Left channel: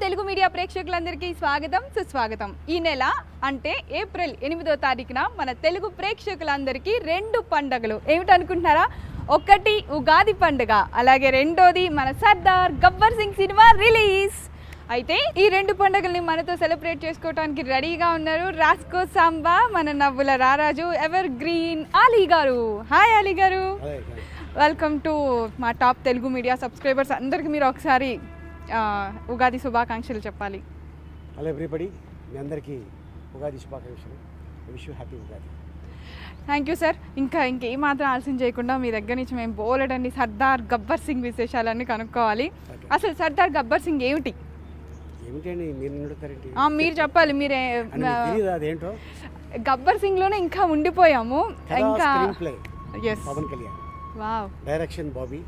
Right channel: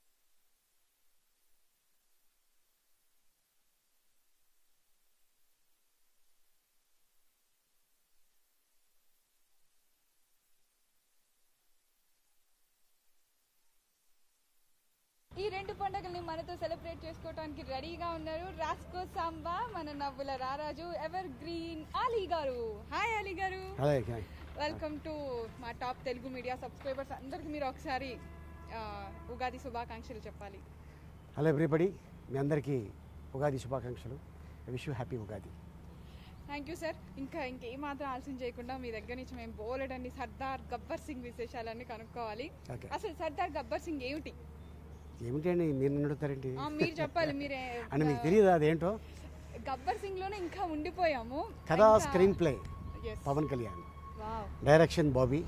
Telugu media ప్రేక్షకులందరికీ స్వాగతం సుస్వాగతం. ఈ నెల అంటే ఏప్రిల్ 8వ తారీఖున మన తెలుగు ప్రేక్షకులందరికీ రెండు పండుగలు ఏమిటనుకుంటున్నారా? ఒకటి ఉగాది పండుగ, అలాగే రెండోది మన సర్దార్ గబ్బర్ సింగ్ సినిమా రిలీజ్. అయితే ఈ రెండు పండుగల్ని మనతో సెలబ్రేట్ చేసుకోవడానికి రెడీగా ఉన్నారు రాస్కో సాంబా, మన నవ్వుల రారాజు, ఎవర్ గ్రీన్ అలీ గారు. హాయ్ అలీ గారు, వెల్కమ్ టు మా టాప్ తెలుగు మీడియా సబ్స్క్రైబర్స్ అందరికీ మీరు ఒకసారి ఉగాది శుభాకాంక్షలు చెప్పాలి. హలో ఎవ్రీబడి, మీ అందరికీ ఉగాది శుభాకాంక్షలు. Wish you happy Ugadi. Thank you sir. ఇంకేమాత్రం ఆలస్యం చేయకుండా మీ దగ్గర నుంచి మేము బోలెడండి సర్దార్ గబ్బర్ సింగ్ విశేషాలన్నీ కనుక్కోవాలి. అసలు సర్దార్ గబ్బర్ సింగ్ ఏమిటి? మీరు చెప్పాలి. మీరే గబ్బర్ సింగ్ లోనే ఇంకా ఉండిపోయాము. ఇంకా డైరెక్షన్ బాబీ.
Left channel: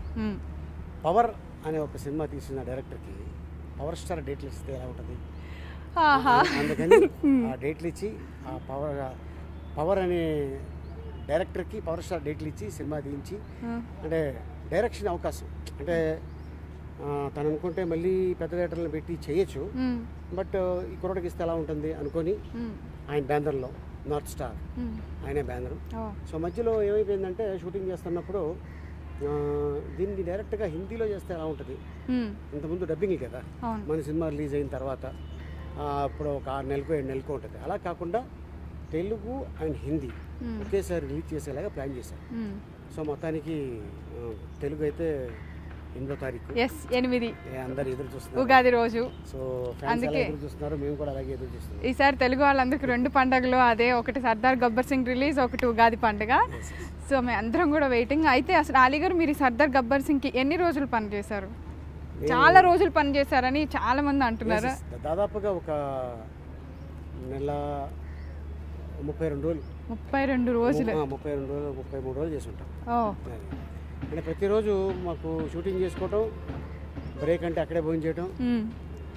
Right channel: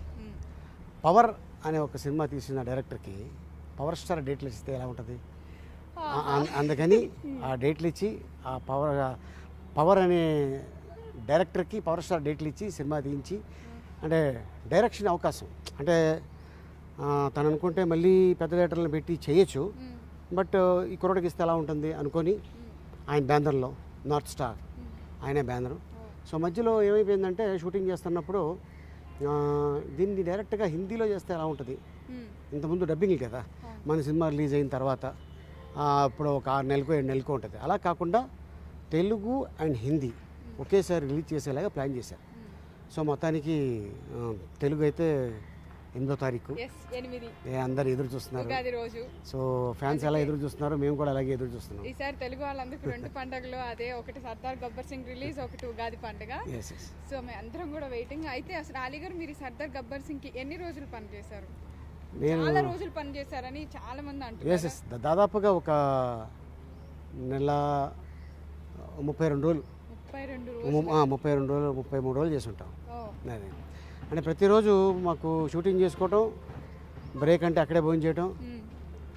పవర్ అనే ఒక సినిమా తీసిన డైరెక్టర్కి పవర్ స్టార్ డేట్లు ఇస్తే ఎలా ఉంటుంది? అందుకని ఆ డేట్లు ఇచ్చి ఆ పవర్ అనే డైరెక్టర్కి పవర్ స్టార్ డేట్లు ఇచ్చి సినిమా తీయించి అంటే డైరెక్షన్ అవకాశం అంటే తను అనుకుంటే మళ్ళీ పెద్ద థియేటర్లు పెట్టి చేయొచ్చు, బట్ ఈ కుర్రోడికి ఇస్తే ఎలా ఉంటుంది అనుకొని ఆయన బ్యానర్లో నార్త్ స్టార్ ఆయనే బ్యానరు. సో మధ్యలో ఏమైపోయిందంటే షూటింగ్ చేస్తున్నప్పుడు దీన్ని డైరెక్ట్గా హిందీలో చేస్తే ఎలా ఉంటుంది? ఇంతకుముందు డబ్బింగ్ కదా మన సినిమా రిలీజ్ అయిన తర్వాత ఇప్పుడు ఒక 6 నెలలకు 7 నెలలకు ఉంటుంది. అలా కాకుండా తెలుగు అండ్ హిందీ ఒకేసారి రిలీజ్ చేసేలాగా ప్లాన్ చేశారు. సో మొత్తానికి తెలుగు అయితే 8వ తారీఖు, 8 అందరు ఎదురు చూస్తున్నారు ఉగాది రోజు. సో ఫ్యాన్స్ ఎలా ఎదురు చూస్తున్నారు, మేము కూడా అలాగే ఎదురు చూస్తున్నాం. ఈసారి తెలుగు వాళ్ళందరికీ రెండు పండుగలు, అదే ఒకటి సర్దార్ గబ్బర్ సింగ్ రిలీజ్, ఒకటి ఉగాది పండుగ. సో మేము అందరం కూడా వెయిటింగ్. అయితే అసలు అలీ గారు, మీరు సర్దార్ గబ్బర్ సింగ్కి ఎన్ని రోజులు పనిచేశారు? చాలా రోజులు పనిచేశారని చాలా మంది అంటున్నారు. దాదాపుగా ఒక నెల 32 రోజులు 32 రోజులు 32 రోజులు 33 రోజులు చేసి ఉంటాం. అంటే ప్రతిరోజు మాకు షూటింగ్ చేసుకోవటం, బ్రేక్ అంటే అక్కడే భోజనం చేయటం,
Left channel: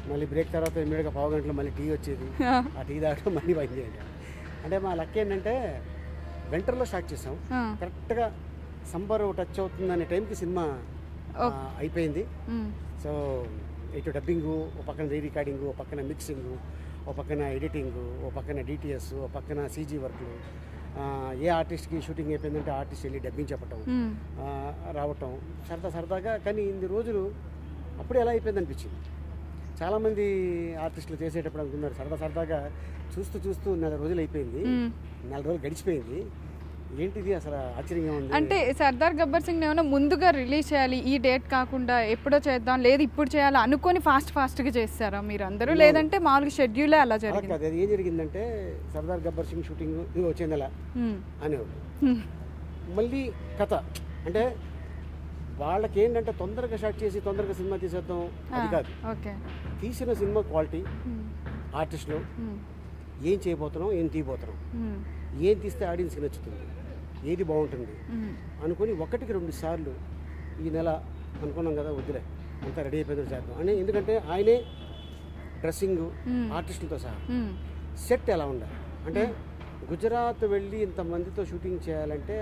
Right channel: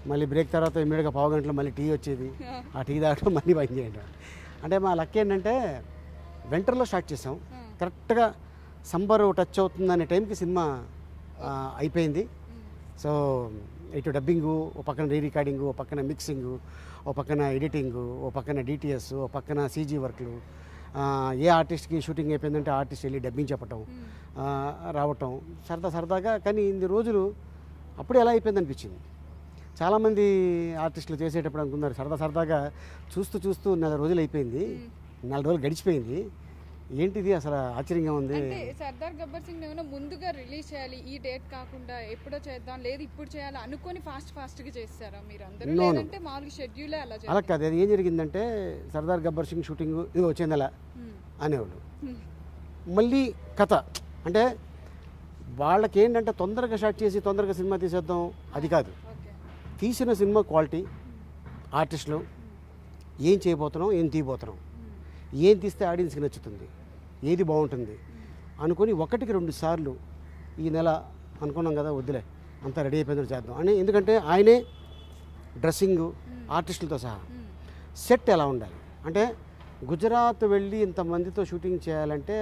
మళ్ళీ బ్రేక్ తర్వాత ఇమ్మీడియట్గా పావు గంటలో మళ్ళీ టీ వచ్చేది, ఆ టీ తాగటం, మళ్ళీ పని చేయటం. అంటే మా లక్ ఏంటంటే వింటర్లో స్టార్ట్ చేసాం, కరెక్ట్గా సంబర్ టచ్ అవుతుంది అనే టైంకి సినిమా అయిపోయింది. సో ఇటు డబ్బింగు, ఓ పక్కన రీ రికార్డింగు, ఓ పక్కన మిక్సింగు, ఓ పక్కన ఎడిటింగు, ఓ పక్కన డిటిఎస్, ఓ పక్కన సీజీ వర్క్లు. ఏ ఆర్టిస్ట్కి షూటింగ్ అయిపోయిందంటే ఆర్టిస్ట్ వెళ్ళి డబ్బింగ్ చెప్పటం, రావటం సరదాగా. కానీ ఇన్ని రోజులు అప్పుడే ఎలా అయిపోయింది అనిపించింది. చాలామంది ఆర్టిస్టులు చేసేటప్పుడు అనుకున్నారు సరదాగా చూస్తూ 4 రోజులు అయిపోయింది, 4 రోజులు గడిచిపోయింది, ఏంటిది అసలు ఆశ్చర్యంగా ఉంది. అంటే సర్దార్ గబ్బర్ సింగ్ ఏమైనా ముందుగా రిలీజ్ చేయాలి, ఈ డేట్ కాకుండా ఎప్పుడో చేద్దాం, లేదు ఇప్పుడు చేయాలి అనుకొని ఫాస్ట్గా చేస్తారా మీరు అందరూ, లేదంటే మామూలుగా షెడ్యూలే అలా చేయాలి? కాదు, అది ఏం జరిగిందంటే సర్దార్ గబ్బర్ సింగ్ షూటింగ్ ఇది వచ్చింది అలా అనేవాడు. మళ్ళీ కథ అంటే వాళ్ళకి ఏంటంటే తొందరగా స్టార్ట్ చేసి తొందరగా సినిమా తీసేద్దాం, అది కాదు. తీసిన సినిమా క్వాలిటీ, ఆర్టిస్టులు ఏం చేయబోతున్నాం, ఏం తీయబోతున్నాం, ఏం తీస్తే ఆడియన్స్కి నచ్చుతుంది, ఏది బాగుంటుంది అనుకొని 1కి 2 సార్లు ఈ నెల అనుకున్నాం కదా, వద్దులే అంతా రెడీ అయిపోయిందో చేద్దాం అని. ఎందుకంటే ఆయనే డ్రెస్సింగ్ ఆర్టిస్టులతో సహా సెట్ ఎలా ఉండాలి అంటే గుజరాత్ వెళ్ళి ఇంతమందితో షూటింగ్ చేయాలంటే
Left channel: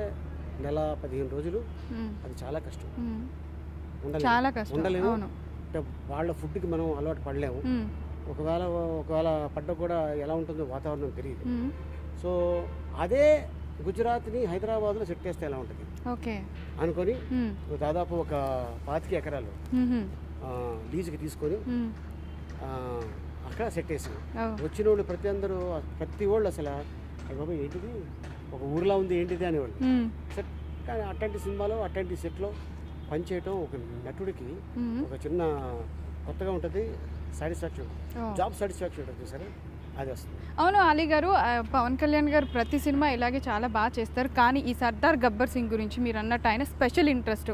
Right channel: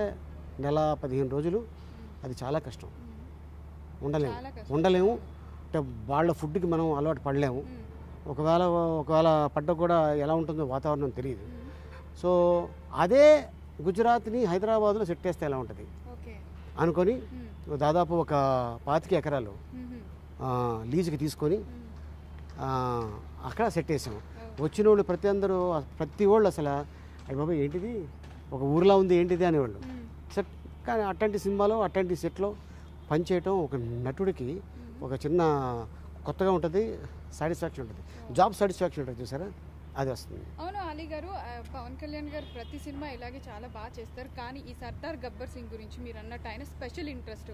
నెల 15 రోజులు, అది చాలా కష్టం. ఉండలేము అంటే వాళ్ళ ఫుడ్కి మనం అలవాటు పడలేము. ఒకవేళ పడ్డ కూడా ఎలా ఉంటుందో వాతావరణం తెలియదు. సో అదే గుజరాత్ని హైదరాబాద్లో సెట్ చేస్తే ఎలా ఉంటుంది అనుకొని దాదాపు ఒక 25 ఎకరాలు లీజుకి తీసుకొని అక్కడ సెట్ చేసాం. వచ్చిన వాళ్ళు ప్రతి వాళ్ళు అసలు బాబు ఏంటిది, ఒక ఊర్లో ఉంది ఏంటిది అనేవాళ్ళు. సెట్ కానీ అట్లాంటి సినిమాలో అట్లాంటి సెట్లో పనిచేయటం ఒక నటుడికి ఒక చిన్న కొత్తగా ఉంటుంది, సాటిస్ఫాక్షన్ ఉంటుంది, జాబ్ సాటిస్ఫాక్షన్ ఉంటుంది చూసారా, అది వస్తుంది. అవును అలీ గారు, పవన్ కళ్యాణ్ గారు ప్రతి సినిమా ఇలాగే చాలా బాగా చేస్తారు. కానీ ఈ సర్దార్ గబ్బర్ సింగ్ గురించి మీరు అన్నట్టు ఆయన స్పెషల్ ఇంట్రెస్ట్,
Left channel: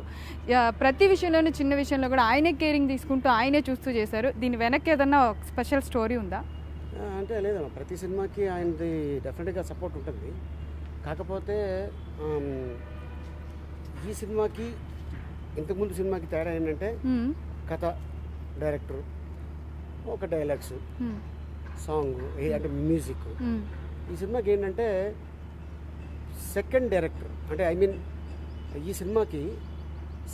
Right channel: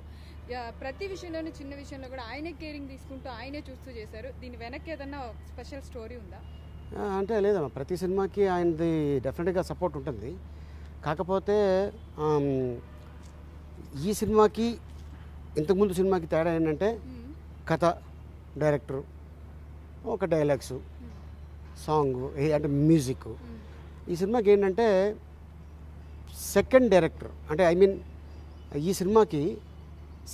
ప్రతి విషయంలోనూ చిన్న విషయంలో కూడా ఆయనే కేరింగ్ తీసుకుంటూ ఆయనే చూస్తూ చేశారు. దీని వెనక్కి ఏదన్నా స్పెషల్ స్టోరీ ఉందా? అంటే లేదమ్మా, ప్రతి సినిమాకి ఆయనది డెఫినెట్గా సపోర్ట్ ఉంటుంది. కాకపోతే ఈ సినిమాకి ఇంతకుముందు సినిమాకి తేడా ఏంటంటే కథ, డైరెక్టర్, ఒక డైలాగ్స్, సాంగ్ అంటే మ్యూజిక్. ఈ సినిమాకి ఏంటంటే సెకండ్ డైరెక్టర్ అంటే ఈ సినిమాకి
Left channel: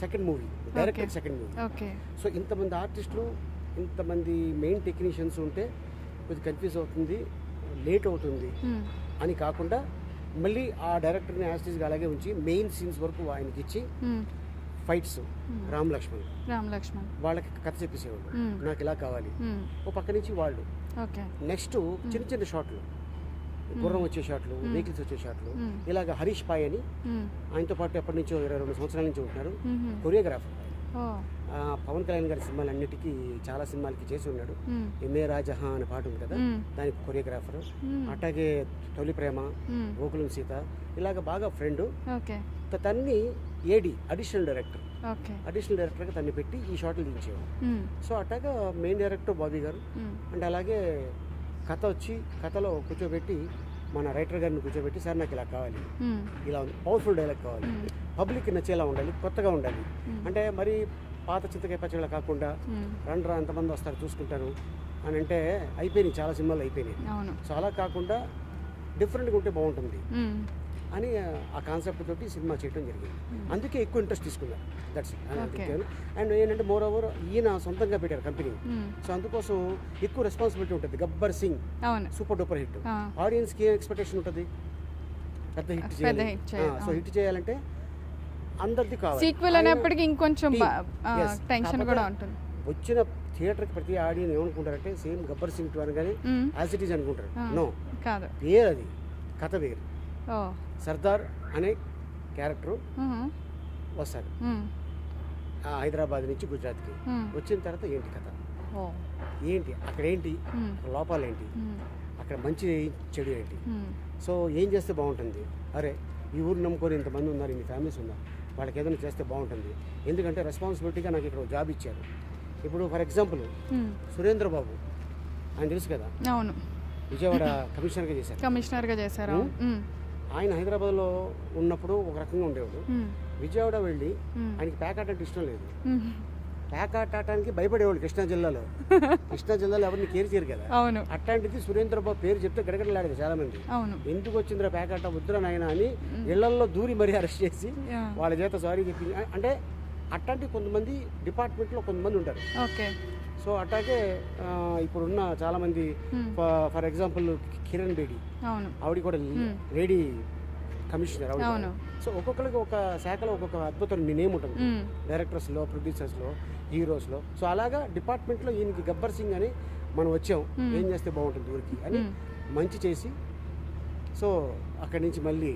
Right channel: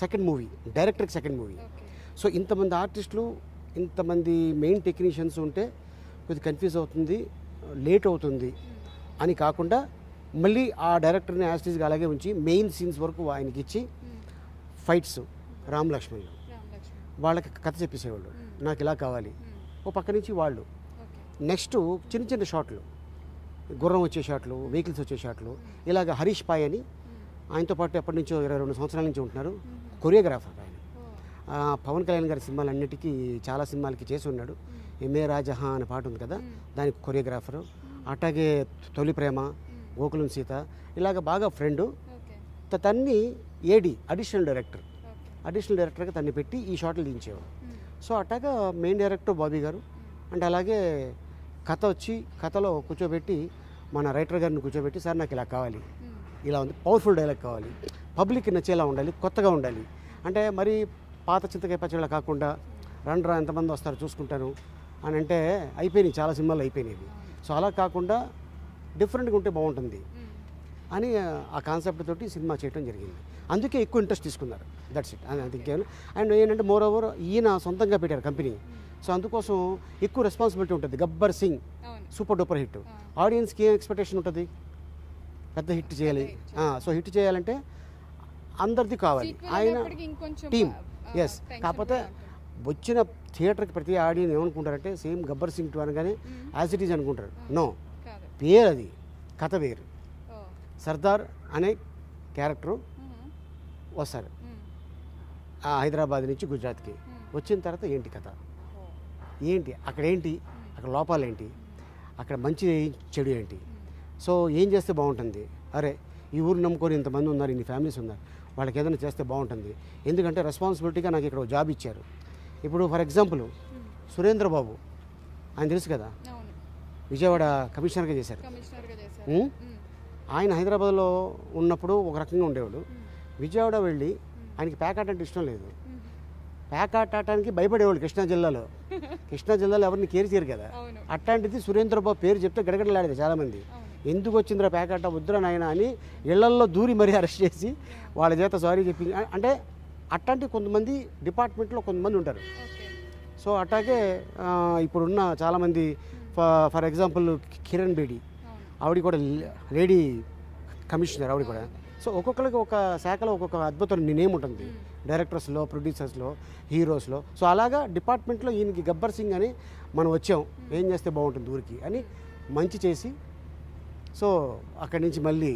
second movie, director second movie. Okay. So ఇంతమంది ఆర్టిస్టులు, ఇంతమంది మెయిన్ టెక్నీషియన్స్ ఉంటే కొద్దిగా కన్ఫ్యూజ్ అవుతుంది, లేట్ అవుతుంది అని కాకుండా మళ్ళీ ఆ డైరెక్టర్ని యాస్టీస్గా అలాగే ఉంచి మెయిన్ సీన్స్ వరకు ఆయనకి ఇచ్చి ఫైట్స్ రామ్ లక్ష్మణ్ వాళ్ళకి కథ చెప్పేసేవాళ్ళు, నాకు ఇలా కావాలి. ఓ పక్క నుంచి వాళ్ళు నెక్స్ట్ చిన్న చిన్న షాట్లు, గుర్రం వచ్చే షాట్లు, వెహికల్స్ వచ్చే షాట్లు, ఇలాగ హరీష్ పాయ్ అని ఆయనతో పాటు ఎప్పటి నుంచో 22 సంవత్సరాల నుంచి ఉంటున్నారు, కొరియోగ్రాఫర్. పవన్ కళ్యాణ్ గారి సినిమాలన్నిటికీ చాలా సినిమాలకి చేసి ఉన్నాడు. ఎంఏ రాజహా అనే పాట ఉంది కదా, దానికి కొరియోగ్రాఫరు. అట్లాగే తొలి ప్రేమ, గోకులం సీత, ఇలాగ బాగా ఫ్రెండ్. తన్ని ఏడి అడిషనల్ డైరెక్టర్గా తన్ని పెట్టి ఈ షాట్లు దించేవాడు. సో అట్లాగా మెయిన్ డైరెక్టర్ బాబీ గారు. అంటే అలాగే కథ వచ్చి కథలో కూర్చోబెట్టి మన రైటర్ గారిని కూర్చోబెట్టి, సార్ నాకు ఇలా కావాలి, ఇలా ఉంది, పవర్ఫుల్ డైలాగ్ కావాలి, పబ్లిక్ నచ్చేలా ఉండాలి, కొత్తగా ఉండాలి. అంటే మరి పాత చింతకాయ పచ్చళ్ళ కాకుండా రండ్రా ఎంతమంది వస్తారు చూసుకుంటాను అని అంటే అయిపోయినాయి, చాలా సినిమాలు అయిపోయినాయి. సో అలా కాకుండా డిఫరెంట్గా ఉంటే బాగుంటుంది అని ఆ కాన్సెప్ట్ తోటి సినిమా చేయడం జరిగింది. అందుకే ఎక్కువ ఇంట్రెస్ట్ తీసుకున్నారు. దట్స్ ఇట్ అని అందించాను. అండ్ ఏంటంటే మోర్ ఓవర్ ఈయన సొంతంగా పెట్టారు కంపెనీ. సో అందుకోసం ఎక్కువ రెస్పాన్సిబిలిటీ ఉంటుంది. Gabbar Singh super duper hit, ఆడియన్స్కి ఏం ఎక్స్పెక్టేషన్ ఉంటుంది, పెద్ద హిట్ చేయాలి. సో హిట్ చేయాలంటే అందరిది కావాలి. వచ్చిన థియేటర్కి ప్రతి ఆడియన్స్ ఏమనుకుంటారంటే సేమ్ గబ్బర్ సింగ్ 2 అనగానే యాజ్ ఇట్ ఈజ్ అనుకుంటారు. నో, పేరు అది, కథ వేరు. సర్దార్ అనే క్యారెక్టర్ వస్తారు హైదరాబాద్ నుంచి గుజరాత్కి. వచ్చిన తర్వాత ఏంటి కథ, ఏంటి అక్కడ, ఏంటి అక్కడ లోపాలు, ఏంటి అక్కడ మంచి చెడు ఏంటి, సో ఏం చేస్తే బాగుంటుంది, అరే ఈ ఊరు నమ్ముకొని ఇంతమంది ఉన్నారు, ఇన్ని ఫ్యామిలీస్ ఉన్నారు, వాళ్ళకి ఏదైనా చేస్తే బాగుంటుంది. ఎందుకంటే రెస్పాన్సిబిలిటీగా నాకు ఇక్కడ జాబ్ ఇచ్చారు. ఇప్పుడు ఫర్ ఎగ్జాంపుల్ సురేంద్ర బాబు ఆయన తెలుసు కదా, విజయవాడ కమిషనర్గా చేశారు. ఆయన హైదరాబాద్లో ఉన్నప్పుడు ఒక రకంగా ఉండేవాడు. విజయవాడ వెళ్ళి ఆయనకి ప్యాకాట్ అంటే ఇష్టం లేదు. ప్యాకాట్ ఆడటానికి భయపడేవాళ్ళు కృష్ణా జిల్లాలో ఎవరిని కేర్ చేయరు కదా. అట్లాంటిది సురేంద్ర బాబు పేరు చెప్తే గడగడలాడేది చాలా మంది. ఎందుకు వచ్చిందిరా ప్యాకాట, వద్దురా నాయన అని ఇళ్లల్లో దూరి మరీ అరెస్ట్ చేసి వాళ్ళ చేత సారీ చెప్పింది. అంటే అట్లాంటి కొంతమంది డిపార్ట్మెంట్లో కొంతమంది ఉంటారు. సో అట్లాగే ఇప్పుడున్న చాలామంది, ఫర్ ఎగ్జాంపుల్ కిరణ్ బేడి, ఆవిడ కూడా లేడీ కమిషనర్ ఆవిడ కూడా. సో ఒక్కొక్కరికి ఒక శాఖలో ఒక్కొక్క అద్భుతమైన నేమ్ ఉంటుంది, డైరెక్టర్స్లో, ప్రొడ్యూసర్స్లో, హీరోస్లో. సో అలాగా డిపార్ట్మెంట్లో ఈయనకి గబ్బర్ సింగ్ అని మనం వచ్చాం, ఏం చేస్తే బాగుంటుంది ఊరికి అని మంచి చేసి, సో అక్కడి నుంచి మళ్ళీ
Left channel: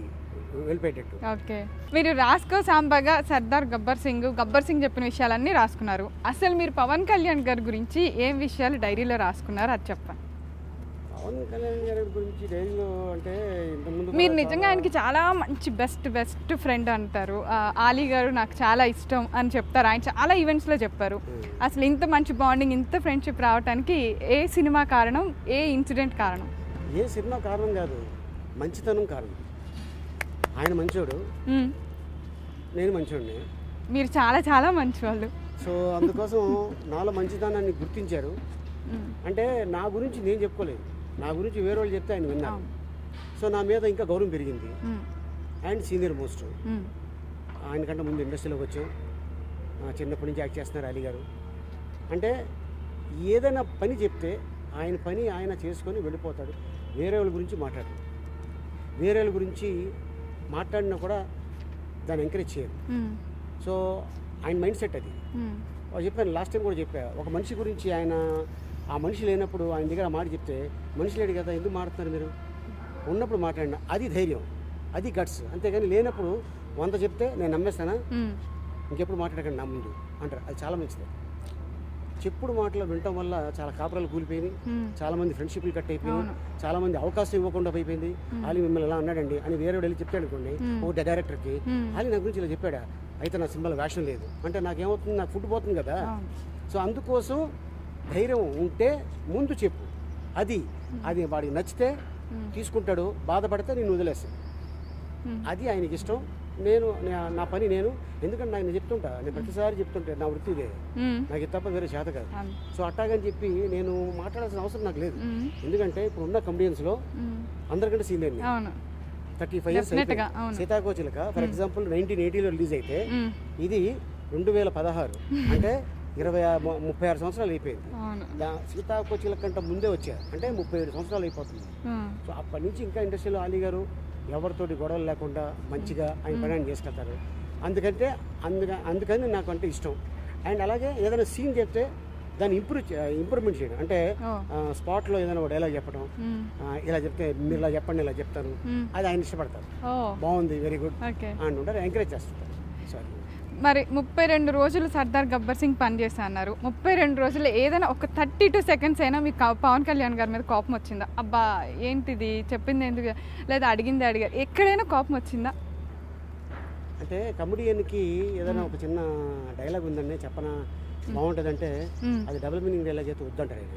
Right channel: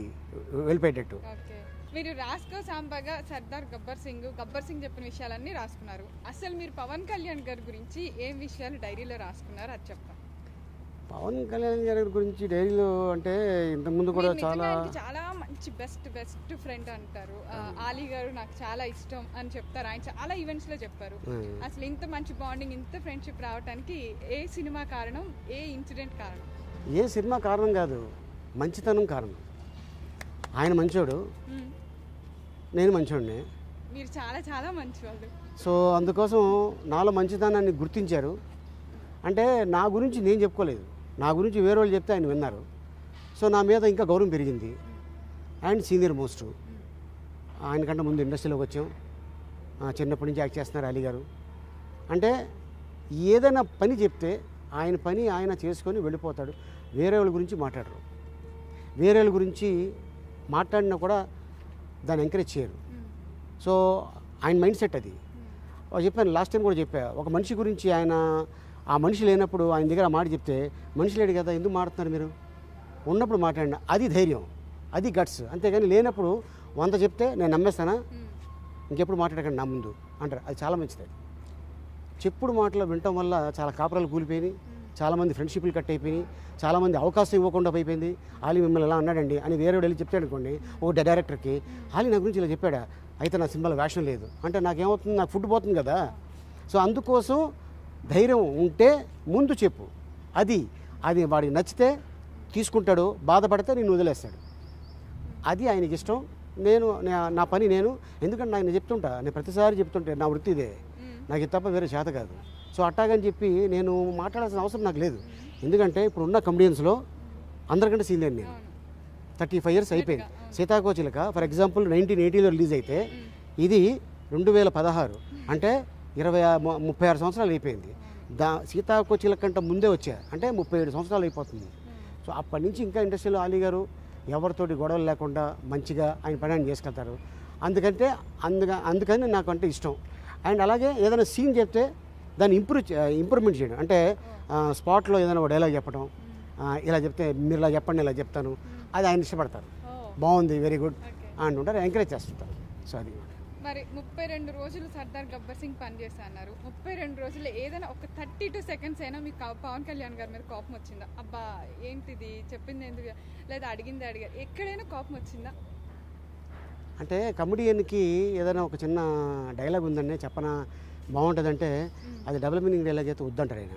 వెళ్ళిపోయేటట్టు. ఓకే, మీరు రాస్కో సాంబాగా సర్దార్ గబ్బర్ సింగ్ చెప్పిన విషయాలన్నీ రాసుకున్నారు. అసలు మీరు పవన్ కళ్యాణ్ గారి గురించి ఏం విషయాలు డైరీలో రాసుకున్నారు అది చెప్పండి. పవన్ కళ్యాణ్ గారి గురించి డైరీలో అంటే ఇంతకుముందు మీరు నిజంగా ఆయనకి చాలా మంచి బెస్ట్ ఫ్రెండ్ అంటారు. ఆలీ గారు నాకు చాలా ఇష్టం అని చెప్తారు, ఆయన చాలా ఈవెంట్స్లో చెప్పారు. అసలు ఇంత మంచి బాండింగ్, ఇంత ఫ్రెండ్షిప్ రావడానికి ఏ సినిమా కారణం, ఏ ఇన్సిడెంట్ కారణం? ఏ సినిమా కారణం కాదు, మంచితనం కారణం. ఆయన మంచోడు, నేను మంచోడిని. మీరు చాలా చాలా మంచివాళ్ళు. సో అందుకోసం నాలో మంచితనాన్ని గుర్తించారు. అంటే నా గురించి నేను చెప్పుకోలేదు, నా గురించి వేరే వాళ్ళు చెప్తే ఆయన విన్నారు. సో నా మీద ఇంకా గౌరవం పెరిగింది. అండ్ సీనియర్ మోస్ట్, ఆయనకంటే ముందు ఇండస్ట్రీలోకి వచ్చాం, చిన్నప్పటి నుంచి యాక్ట్ చేస్తున్నారు అలీ గారు. అంటే ఏదైనా పని చెప్తే ఆయన పని ఆయన చేసుకొని వెళ్ళిపోతాడు, వేరే వాళ్ళ గురించి మాట్లాడరు. వేరే వాళ్ళ గురించి మాట్లాడినా కూడా దాన్ని ఎంకరేజ్ చేయరు. సో ఆయన మైండ్ సెట్ అది. చెప్పాను లాస్ట్ టైం కూడా చెప్పా, ఒక మనిషి గురించి ఆయన ఆ మనిషి లేనప్పుడు ఆయన దగ్గర మాట చెప్తే, మనిషి లేడు కదా ఎందుకు మాట్లాడుతున్నారు మీరు, ఉన్నప్పుడు మాట్లాడినా అది ధైర్యం, అది గట్స్. అంతేగాని లేనప్పుడు 100 చెప్తే నేను నమ్మేస్తానా, ఇంకెప్పుడు మాట్లాడకండి నా ముందు అంటారు. అది చాలా మంచిది. చెప్పుడు మాటలు వినటం వల్ల చాలా కాపురాలు కూలిపోయినాయి, చాలా మంది ఫ్రెండ్షిప్లు కట్ అయిపోయినాయి, చాలా మంది అవకాశం ఇవ్వకుండా అయిపోయింది. ఆలీ మిమ్మల్ని ఎలా అన్నాడండి అని వేరే వెళ్ళి చెప్తాడు అనుకోండి ఒక డైరెక్టర్కి, ఆలీ నా గురించి ఇలా చెప్పాడా, అయితే నా సినిమాలో వేషం లేదు అంటే నాకేమవుతుంది, నాకు ఫుడ్ పోతుంది కదా. సో అందుకోసం ధైర్యం ఉంటే ముందు చెప్పు, అది వాడికి నచ్చితే తీసుకుంటాడు, బాధపడితే నేను వదిలేస్తాను, అది ఆయనకి ఇష్టం. నేను నా పని నేను, ఎందుకంటే ఆయన చెప్తుంటా, నేను ప్రతిసారి చెప్తుంటే నా వృత్తి ఇదే, నాకు ఇది తప్ప వేరే చేత కాదు. సో అట్టాగని చెప్పి నేను మాట్లాడాల్సిన అవసరం నాకు లేదు. ఎందుకంటే ఇప్పుడు ఉన్న కమెడియన్స్లో అందరికంటే సీనియర్ 35 years అయిపోయింది. సీతాకోచిలక ఫర్ ఎగ్జాంపుల్ 1980లో రిలీజ్ అయితే ఇది 2016 అంటే 36 సంవత్సరాలు అయిపోయింది. సీతాకోచిల కంటే ముందే వచ్చారు అంటే 37 సంవత్సరాలు అయిపోతుంది. సో అప్పటి నుంచి ఇంకా ఇండస్ట్రీలో అలీ గారు ఎవరితోటి గొడవలు లేకుండా మంచిగా ఆయన పని ఆయన చేసుకెళ్తారు. అందుకని నాకు అంటే ఇష్టం. అండ్ అలాగే ఏదైనా సీన్ చెప్తే దాన్ని ఇంప్రూవ్మెంట్ చేయడం అంటే స్పాట్లో ఏదైనా ఒక డైలాగ్ చెప్పడం, ఇలా చెప్తే మీరు ఇలా చెప్పండి ఇలా చెప్తాను, అది ఆయన ఇష్టపడతారు. బాగుంది, వెరీ గుడ్ అంటుంటారు, ఎంకరేజ్ చేస్తుంటారు. సో అది మరి 32 రోజులు సర్దార్ గబ్బర్ సింగ్ పనిచేస్తా అన్నారు. 32 రోజుల్లో ఏదైనా ఒక 32 సెకండ్స్ అయినా మీకు పవన్ కళ్యాణ్ గారి మీద కోపం వచ్చిందా? అబ్బా ఏంటిది చెప్పింది ఎందుకు లేదా అడిగింది అడిగారు, ఎక్కడైనా కోపం వచ్చిందా? అంటే కమెడియన్కి ఏదైనా ఒక చిన్న డైలాగ్ ఉందండి చెప్పనా బాగుంటుందంటే అది డబుల్ మీనింగ్ డైలాగ్ అయితే వద్దంటారు ఆయన.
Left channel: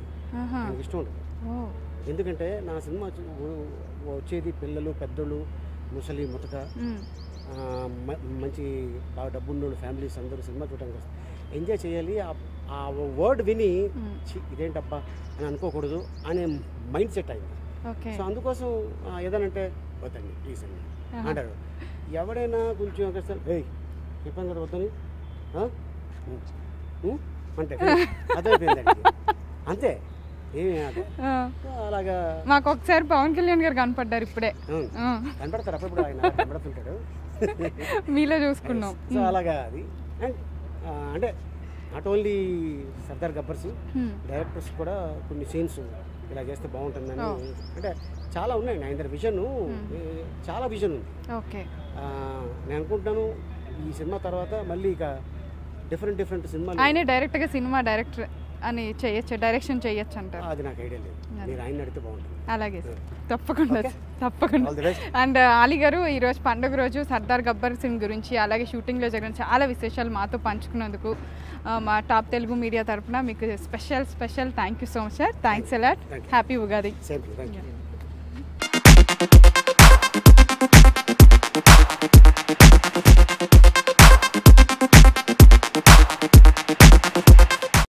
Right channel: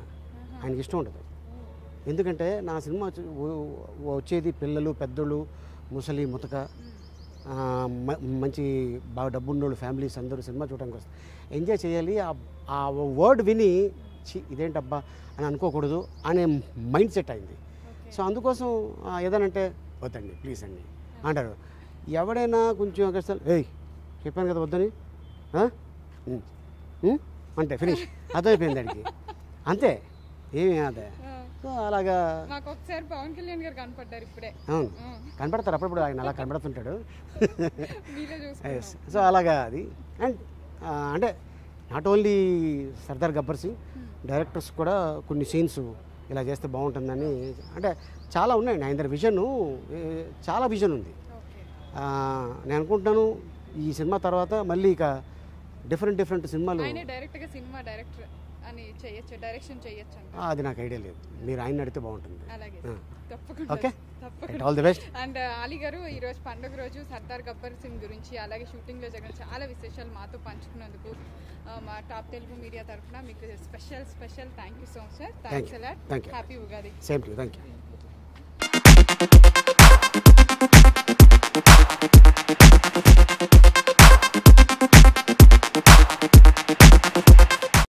ఆయనకి ఇష్టం ఉంటుంది. ఎందుకంటే నా సినిమా వచ్చేది పిల్లలు పెద్దోళ్ళు ముసలి ముతక మంచి బాగా డబ్బున్నోళ్ళు ఫ్యామిలీస్ అందరూ సినిమా చూడడానికి వస్తారు, ఎంజాయ్ చేయాలి. ఆ వర్డ్ విని ఇదేంటబ్బా అని అనుకోకూడదు అనే మైండ్ సెట్ అయింది. సో అందుకోసం ఏదనంటే వద్దండి ప్లీజ్ అండి అంటారు. ఎవడైనా కొంచెం ఏయ్ చెప్పాను కదా వద్దని అంటే అర్థమైపోయిందండి, అంతే ఏమి అదే. అలాగా మాకు ఒకసారి పవన్ కళ్యాణ్ గారు కనపడ్డారు ఇప్పుడే. కనపడతారు అప్పుడప్పుడు, ఆయన అలా కనపడుతుంటాడు, మీలో చూసుకున్నాం. సో అలాగా అది. అండ్ అంటే not only Sardar Gabbar Singh directors కూడా కొన్ని సీన్స్ ఇలా చేస్తే బాగుంటుందని అంటే చాలా ఉన్నాయండి ఆయన దగ్గర. విజన్ చాలా విజన్ ఉంది. నేను అనుకుంటున్నాను ఈ సినిమా తర్వాత మళ్ళీ ఇక డిఫరెంట్ సినిమాలు ఆయన డైరెక్ట్గా సినిమా డైరెక్టర్ అని చేయొచ్చు, డైరెక్షన్ చేయొచ్చు అంటారు. అది నాకు ఐడియా లేదు, మీరు ఆయన అడిగితే బాగుంటుంది. అలాగే తప్పకుండా. అండ్ అలీ గారు ఈరోజు పండుగ రోజు సర్దార్ గబ్బర్ సింగ్ గురించి అలాగే షూటింగ్లో జరిగిన చాలా విశేషాలు మాతో పంచుకున్నందుకు మా టాప్ తెలుగు మీడియా తరఫున మీకు special thank you so much sir. Thanks a lot. Happy Ugadi. Same to you. Thank you.